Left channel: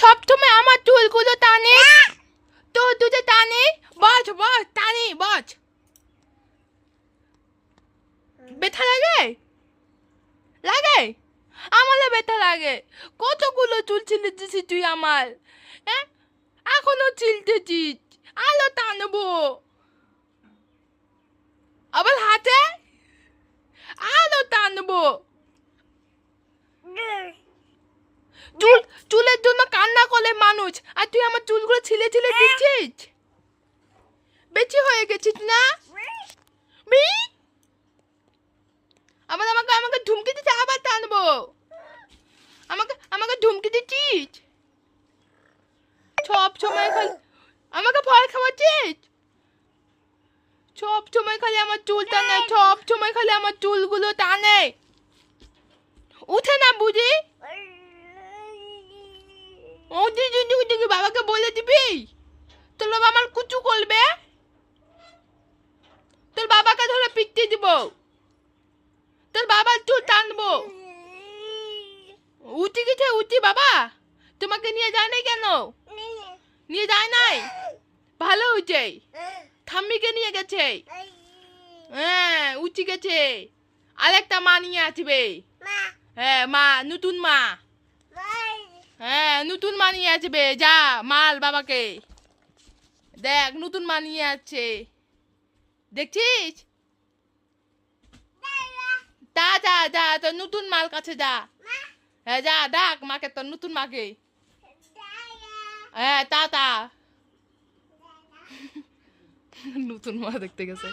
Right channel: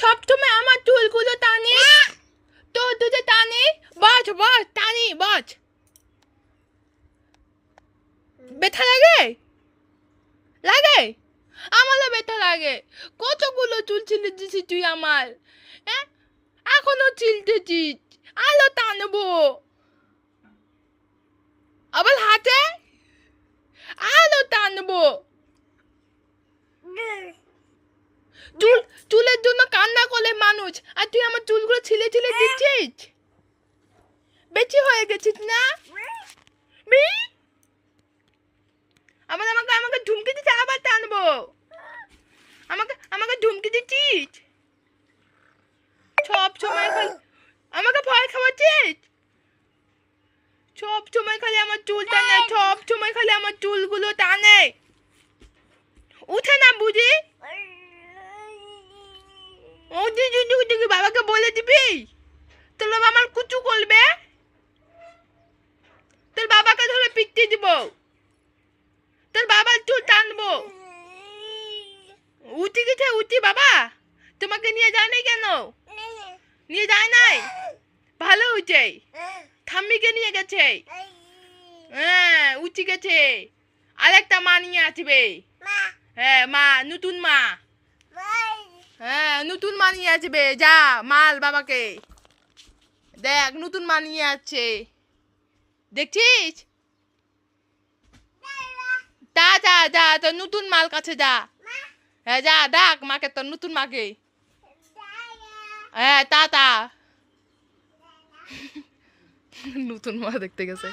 সবসময় আমার চুলগুলো টানে, তোর দুধে টানে। বস বস, টানি বস। ব্যথা লাগে? লাগে? আমারও ব্যথা লাগে। কতগুলো চুল ছিলে দিছিস তুই আমার, হ্যাঁ? এখনো ছিলতেছিস, আলো টানবো। আবার হাতে আলো টানবো। চুলের জন্য কান্না করে মানুষ, আর তুই আমার চুলগুলো ছিলে ছিলে দিচ্ছিস। বেশি হয়ে গেছিস না? আবার আমাকে আমাকে ধুমকি দিতে আবার টানবো। আমাকে আমাকে ধুমকি দিচ্ছিস সব সময় খালি। আমাকে ভয় খাওয়াচ্ছিস সব সময় খালি। আমার চুল টানে, সব সময় খালি আমার চুলগুলো টানে। উঠে না বুঝি? ও দিদি বাবাকে বলে দিবি, তোর বাবা আমার কুচু করবে। তোর বাবাকে ধরে পিটতে দিব, তোর বাবার চুল টানবো। উঠি গেছে, উঠি বাবা তোমাকে নিয়ে যায় নাই কেন? নিয়ে যায় নাই? ভালো হয়েছে, ঠাম্মিকে নিয়ে গেছে। হ্যাঁ উঠি গেছে, আরেকটা মা নিয়ে আসবে। হ্যাঁ মা, নতুন মা। হ্যাঁ নতুন মা নিয়ে আসবে। যা মাল বাবাকে দেখ, নতুন মা নিয়ে আসছে, দেখছিস? যা যা যা, তোর নতুন মাল কাছে যা। হ্যাঁ যা ডাক মাকে, তোর নতুন মাকে। হ্যাঁ তা নতুন মা দেখতে গেছে।